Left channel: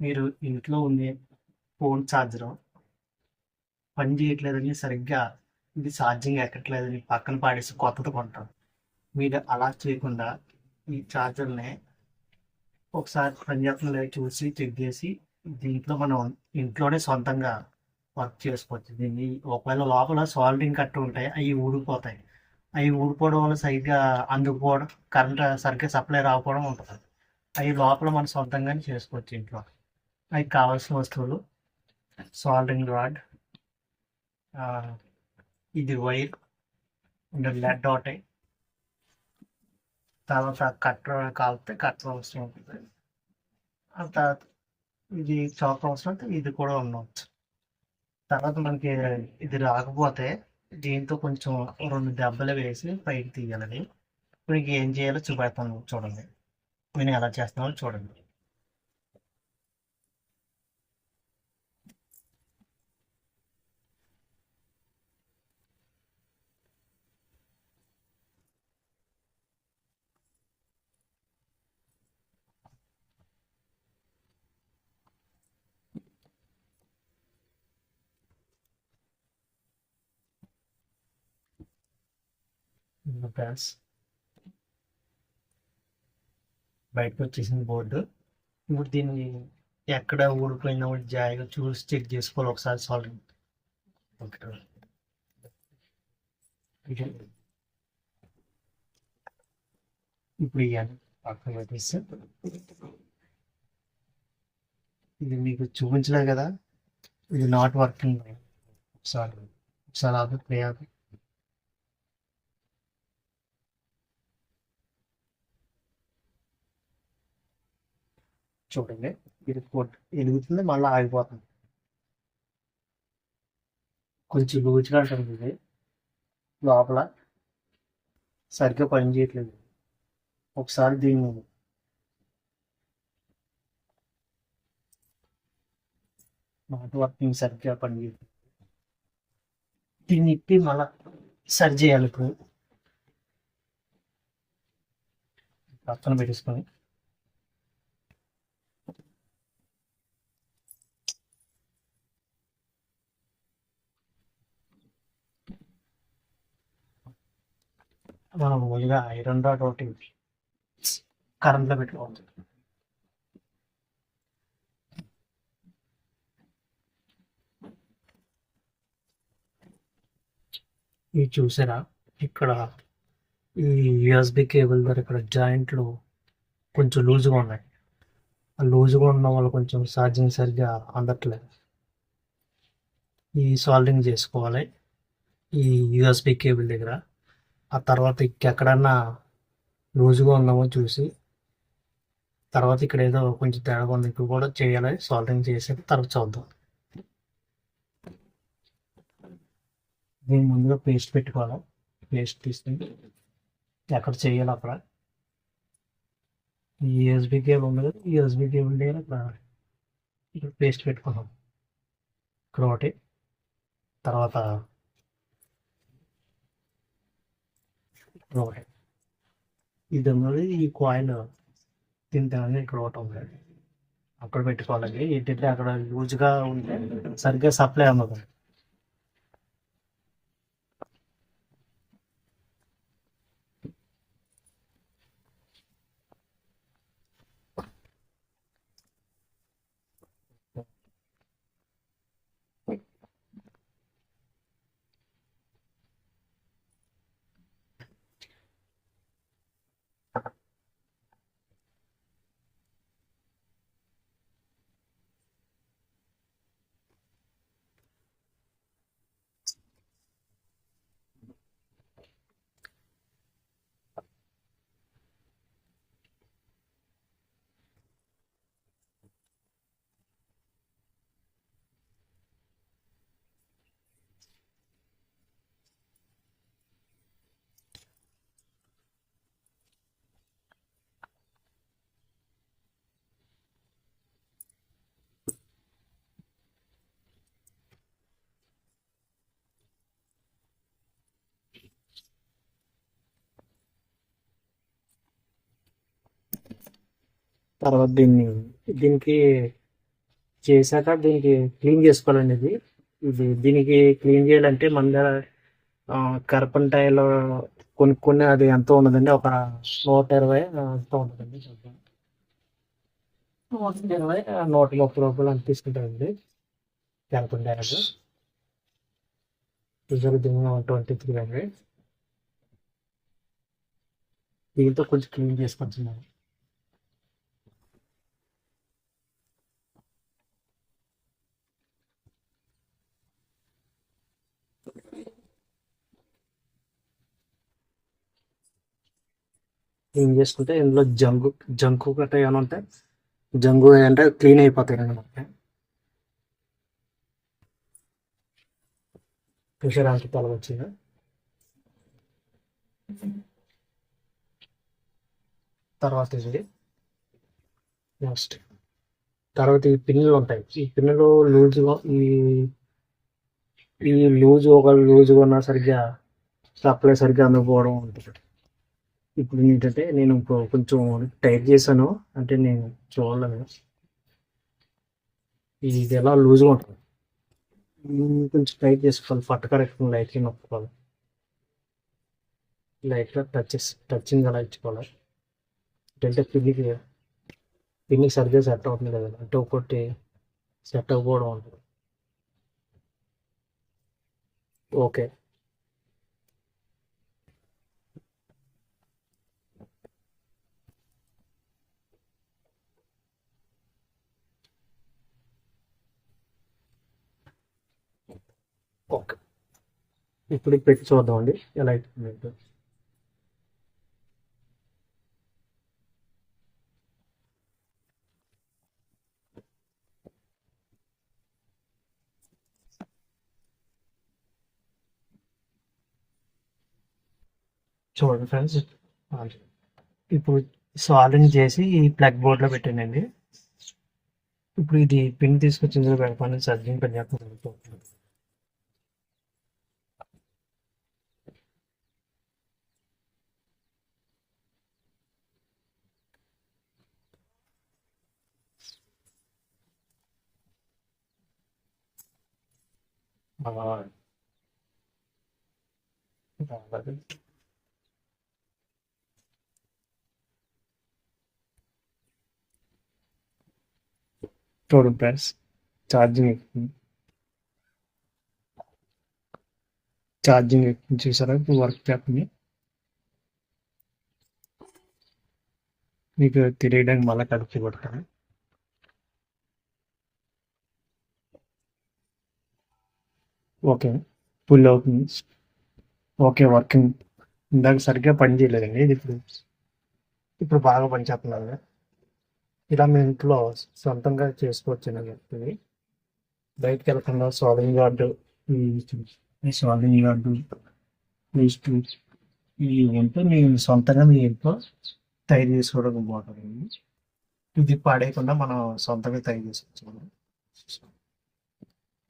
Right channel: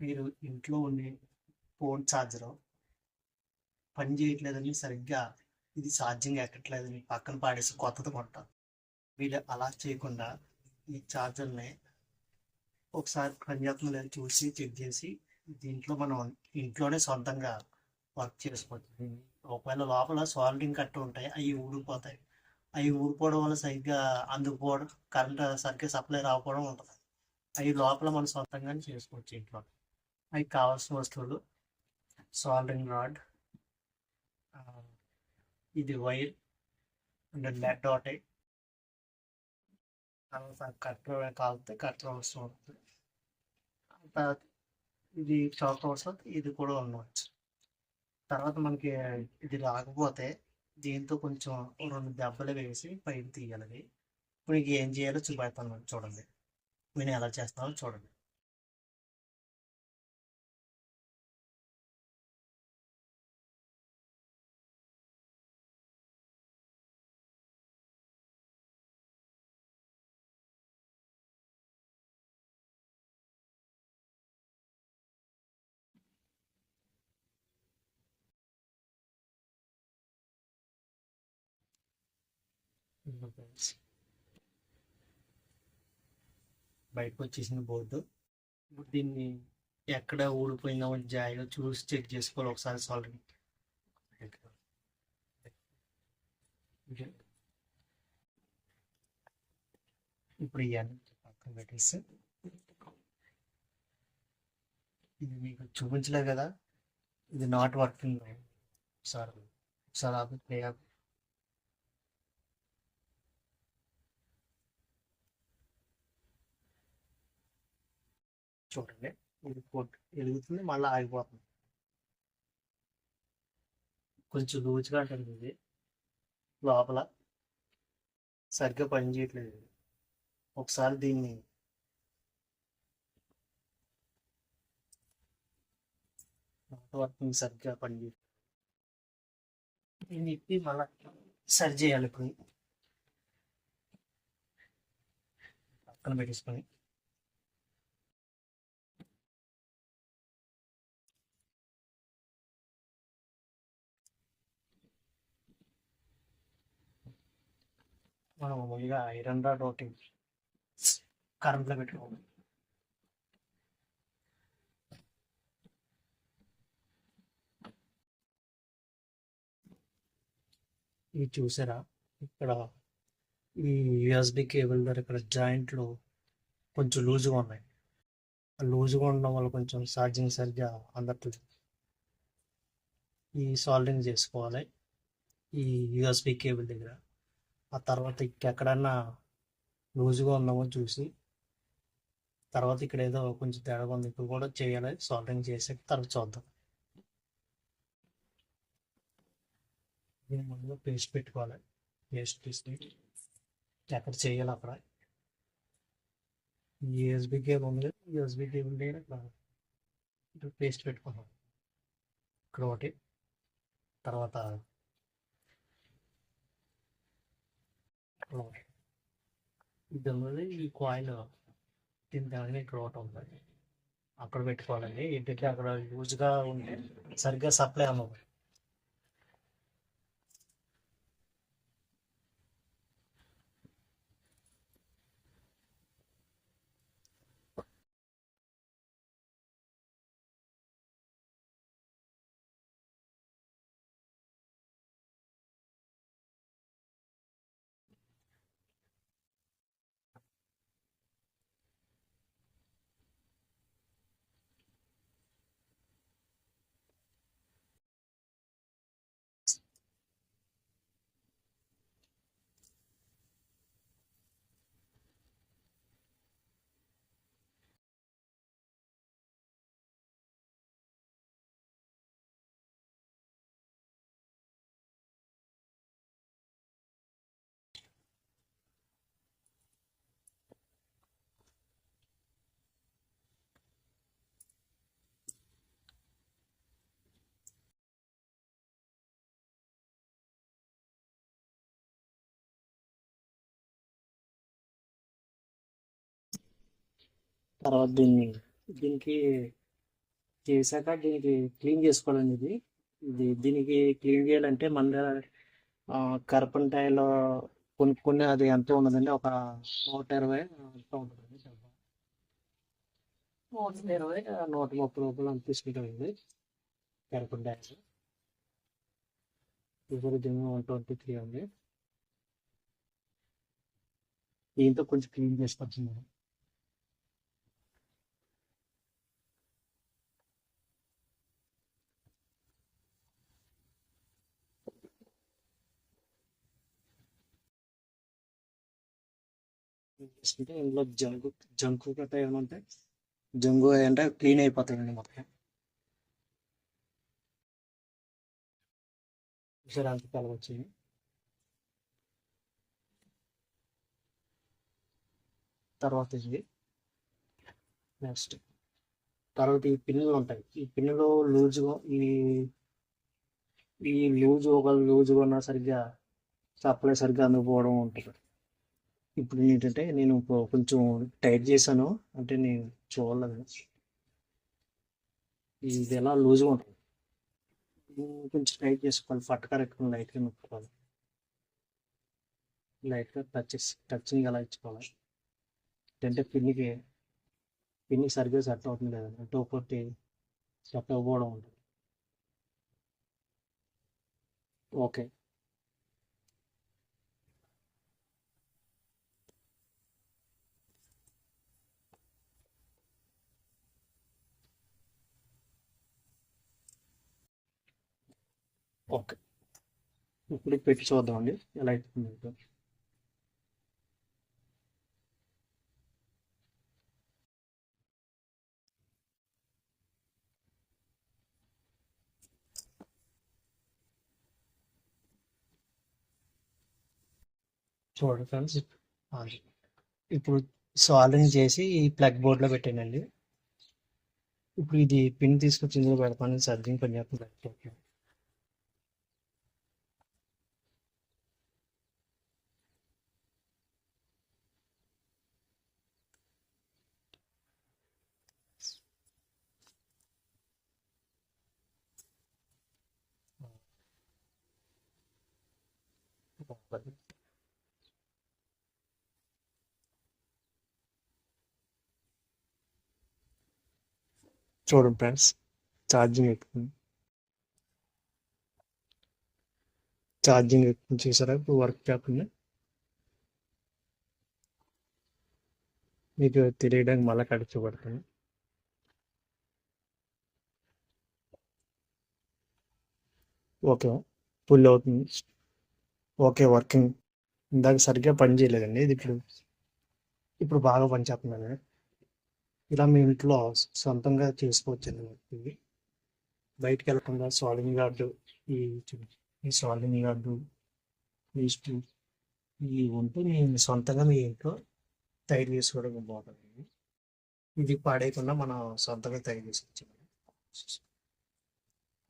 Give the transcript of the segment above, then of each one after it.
మీరు ఇంట్లో ఉండే ఫోన్ ఛార్జరు పని చేయట్లేదని సరిగ్గా ఇది ఛార్జింగ్ ఎక్కట్లేదని పక్కన పాడేసి కొత్తది కొంటారు. మీరు అలా చేయకుండా ఈ ఛార్జర్‌ని ఒకసారి పని చేస్తుందో లేదో చూసి చెక్ చేసి దీంట్లో మనం ఇంట్లోనే సొంతంగా వర్క్ చేసుకోవచ్చు. దీన్ని ఒకవేళ లోపల సాల్డరింగ్ కట్టు ఉంటాయి. అయి ఊడిపోతాయి. అయి ఊడిపోవడం వల్ల సరిగ్గా అందుకుపోవడం, కరెంట్ సరిగ్గా సప్లై రాకపోవడం ఉంటది. అయి లోపల మనం సొంతంగానే చేసుకోవచ్చు ఇంట్లో. అయి కావాల్సిన వస్తువులు సాల్డరింగ్ రాడ్, ఆహ్, ఇది వైర్ అంటే లెడ్ ఒకటి, తర్వాత కట్టర్ కాలితే కట్టర్ అవసరం ఉంటుంది. ఆ తర్వాత ఇది చాక్ అవసరం అయితే ఇది కూడా ఉండవచ్చు. తర్వాత మనకి ఇది రాకపోతే దీంతో కొంచెం 2 దెబ్బలు వేసి పైకి తీయాలని. మీకు ఏం చేయాలో చూపెడతాను చూడండి. నేను ఎలా చేస్తున్నానో చూడండి. ఫ్రెండ్స్ బయటకు వచ్చేసింది బోర్డు. ఇప్పుడు దీన్ని ఎక్కడ ఊడిపోయిందో జాయిగా చూసి చెక్ చేసుకోవాలి ఒకసారి సాల్వ్. ఇప్పుడు ఇవ్వాలి పక్కన పెట్టేసి ఇది మీకు చూపించలే కదా, ఇది నాట్ వర్కింగ్. ఒకసారి ఒకసారి ఆపి ప్లే ఆపి చూడండి. ఇది ఎలుగుతుంది మళ్ళీ ఆగిపోతుంది. కొంచెం లూజ్గా ఉంటుంది ఇది, లోపల సరిగ్గా పని చేయట్లేదు. ఒకసారి దీన్ని నాట్ వర్కింగ్ సరిగ్గా పని చేయట్లేదు. దీన్ని ఇప్పి మళ్ళీ సరి చేయాలి. ఇప్పుడు పక్కన పెట్టేసుకొని మనం ముందుగా ఐరన్ రాడ్ ఒకటి కరెంట్లో పెట్టుకోవాలి. ఇది చూసారా, ఇక్కడ ఈ యూఎస్బి కేబుల్ ద్వారా ఇక్కడ జాయింట్లు కొంచెం లూజ్గా ఉన్నాయి. ఆ లూజ్గా ఉండడం వల్ల కొంచెం ఛార్జింగ్ సరిగ్గా అందట్లేదు. ఈ సాల్డరింగ్ చేసుకోవాలి ఈ యూఎస్బి కేబుల్ దగ్గర. ఆ తర్వాత ఎక్కడన్నా లూజ్గా ఉన్నామో చూసి, తర్వాత ఇక్కడ ఏదో కొంచెం తేడా ఉంది ఇక్కడ కూడా చేయాలి. సాల్డరింగ్ చేసి తర్వాత చూద్దాం. దీన్ని ముందుగా పేస్ట్ పెట్టుకోవాలి. పేస్ట్ తీసుకుని ఎక్కడ చేయాలి అక్కడ ఈ యూఎస్బి కేబుల్ ఉంది కదా, ఈ యూఎస్బి కేబుల్ దగ్గర ఇక్కడ పేస్ట్ పెట్టుకున్నాం. ఇక్కడ ఒకటి, తర్వాత ఇక్కడ ఒకటి. ఇది ఉన్నది ఈ కాయిల్ తింటానని ఇక్కడ ఒకటి ఉంది, అక్కడ పెట్టుకోవాలి. ఏంటంటే అక్కడ లూజ్గా ఉంటే సరిగ్గా సప్లై అవ్వదు. తర్వాత దీనికి చేశాక దీనికి క్లీన్ చేసుకోవాలండి దీనికి క్లీన్ చేయాలంటే మన దగ్గర కర్పంటాయిలో కొనుక్కొని అది ఎంత ఉన్నదండి, ఒక 120 ఎంతో ఉంటుందండి. 120 130 రూపాయలు అంత తీసుకుంటారండి కర్పంటాయిలు. చూసారు దీన్ని 12300. దీంతో కొంచెం క్లీన్ చేసుకొచ్చింది. క్లీన్ చేసుకుంటే ఇందులో జంకు గట్రా ఏమైనా ఉంటే జంగు అంటే క్లీన్ అయిపోతాయండి మొత్తం. చూసారానికి పొలం వచ్చింది. తర్వాత ఇది నెక్స్ట్ తర్వాత ఈ పిన్నులు ఉంటాయి. ఈ పిన్నులు లూజ్గా ఈ లూజ్గా ఉన్నా సరిగ్గా సప్లై సరిగ్గా అందుకోవడం ఉంటుంది. ఇప్పుడు ఏంటంటే నేను కొంచెం టైట్ చేశాను, అంటే నేను చూడలేదు ఇది ఎలా లూజ్గా ఉంటుంది. కొంచెం టైట్ చేసుకోవాలి, ఫట్టకర లైట్గా నొక్కుకోవాలి, లైట్గా టచింగ్ అలా ఇచ్చుకోవాలి. అంటే పిన్నికి సరిగ్గా సెట్ అవుతుంది కదా, అంటే ఒకటి సెట్ అవ్వకపోవడం ఉంటుంది. Okay, okay. ఇప్పుడు పెట్టి చూద్దామండి ఎలా అవుతుంది. చూడండి ఫ్రెండ్స్, ఇప్పుడు సాల్వింగ్ చేసి ఈ ప్లగ్ బోర్డ్లో పెట్టానండి. ఇప్పుడు ఇది పిన్ తీసుకొచ్చి ఇందులో పెడతాను, ఛార్జింగ్ పని చేస్తాను. చూడండి ఫ్రెండ్స్, ఛార్జింగ్ చూసారా ఇప్పుడు వర్క్ పేపర్ని మీకు తెలియడానికి మళ్ళీ కలిపి పడుతుంది. ఓకే, ఫుల్ అవుతుంది. Okay, working. ఇందాక సరిగ్గా పని చేయలేదండి, ఇది ఇప్పుడు బాగా పనిచేస్తున్నారు. ఇలా మీ ఇంట్లో సొంతంగా చేసుకోవచ్చు అని చెప్తుంది. బయటకు వెళ్ళకుండా సాల్వింగ్ గార్డు, ఈ సాల్వింగ్ గార్డు నెక్స్ట్ ఈ ఉంటే మీ సొంతంగా మీ ఇంట్లో తయారు చేసుకోవడం బాగుంటుంది. ఇది పాడేయకుండా మనం సొంతంగా తయారు చేసుకోవచ్చు.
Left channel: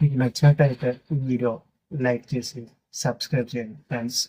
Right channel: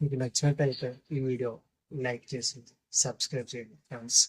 మీకు నచ్చినట్టయితే ఈ వీడియో లైక్ చేసి సబ్స్క్రైబ్ చేయండి ఫ్రెండ్స్.